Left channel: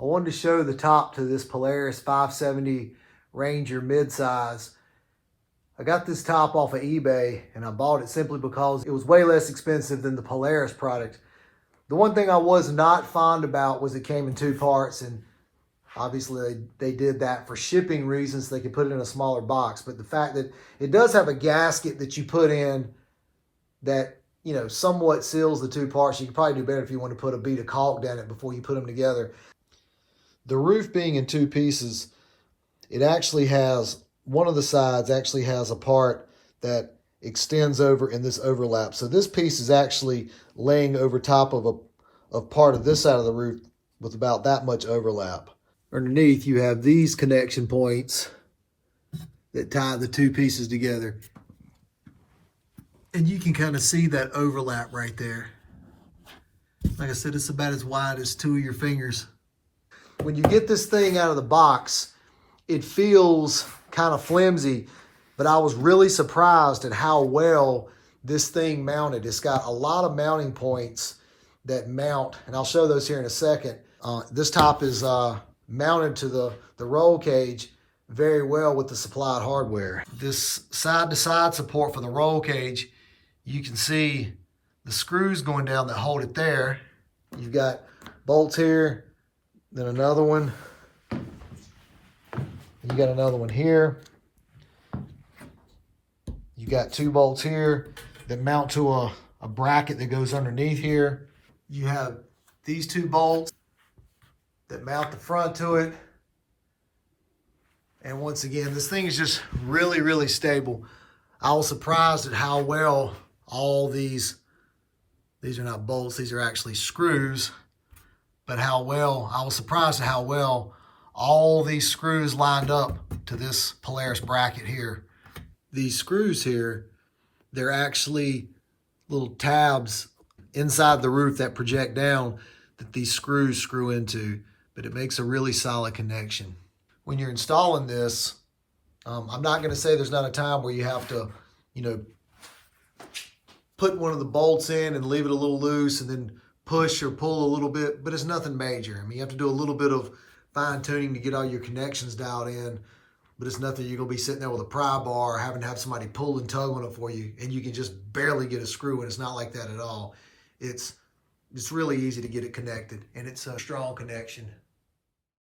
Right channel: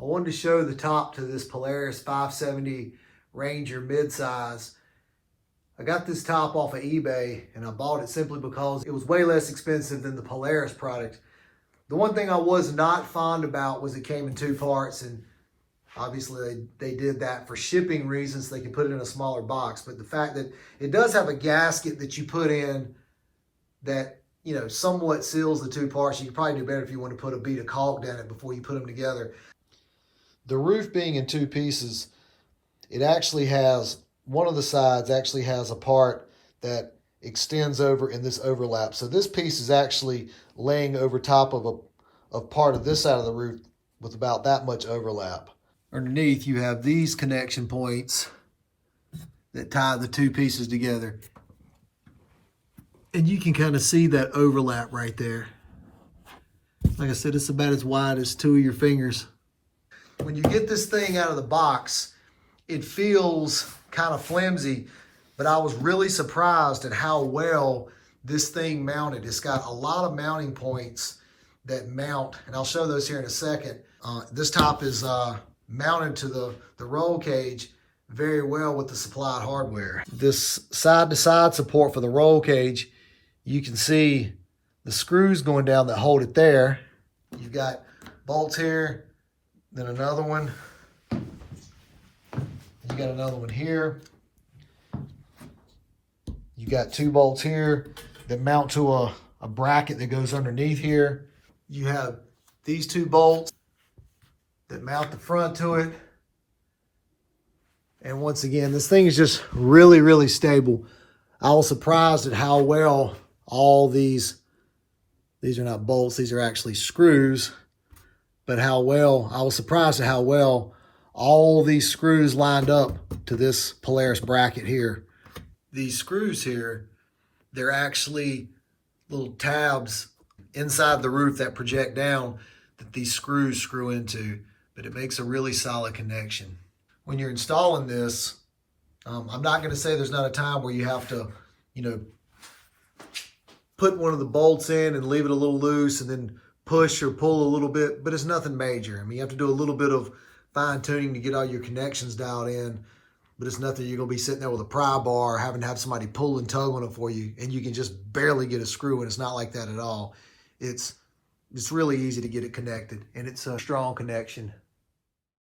I wanted to show the top to this Polaris 570 Ranger midsize. I got this top off of eBay and I bought it simply because it was way less expensive than the Polaris product. The one thing I was not fond about was it came in two parts, and obviously they did that for shipping reasons so they could put it in a smaller box. But the fact that it does have a gasket that you put in that, you know, somewhat seals the two parts. You could probably do better if you want to put a bead of caulk down it before you put them together. The roof being in two pieces, it actually has, one of the sides actually has a part that extends over in this overlap. So this piece is actually laying over top of a part of this side of the roof with about that much overlap. Underneath you have these connection points that tie the two pieces together. And you can kind of see that overlap right there. Like I said, it's about as wide as two of your fingers. When you get this thing out of the box, it feels kind of flimsy, but I was really surprised at how well this thing mounted. It's got a lot of mounting points that mount, and I'll show those here in a second. This top is mounted to the roll cage very well with the supplied hardware. This side-to-side support for the roll cage, you can see the screws going down that hold it there. You've got bolts here, then another one. You got another one here. You got two bolts here that mount to a bracket that goes underneath here. You have these two bolts that mount the front to it. And once again, this thing is just really, really stable. I was surprised at how well all these are not bolts, these are actually screws, but I was surprised at how well all these screws lined up to this Polaris bracket here. These screws here, they're actually little tabs inside the roof that project down that these screws screw into, but it makes a really solid connection. When you're installing this, I'm not going to say there's not a time where you have to, you know, put one of the bolts in and leave it a little loose and then push or pull a little bit, but it's nothing major. I mean, you have to do a little bit of fine tuning to get all your connections dialed in, but it's nothing you're going to be sitting there with a pry bar having to have somebody pull and tug on it for you, and you can just barely get a screw in. It's not like that at all. It's really easy to get it connected, and it's a strong connection.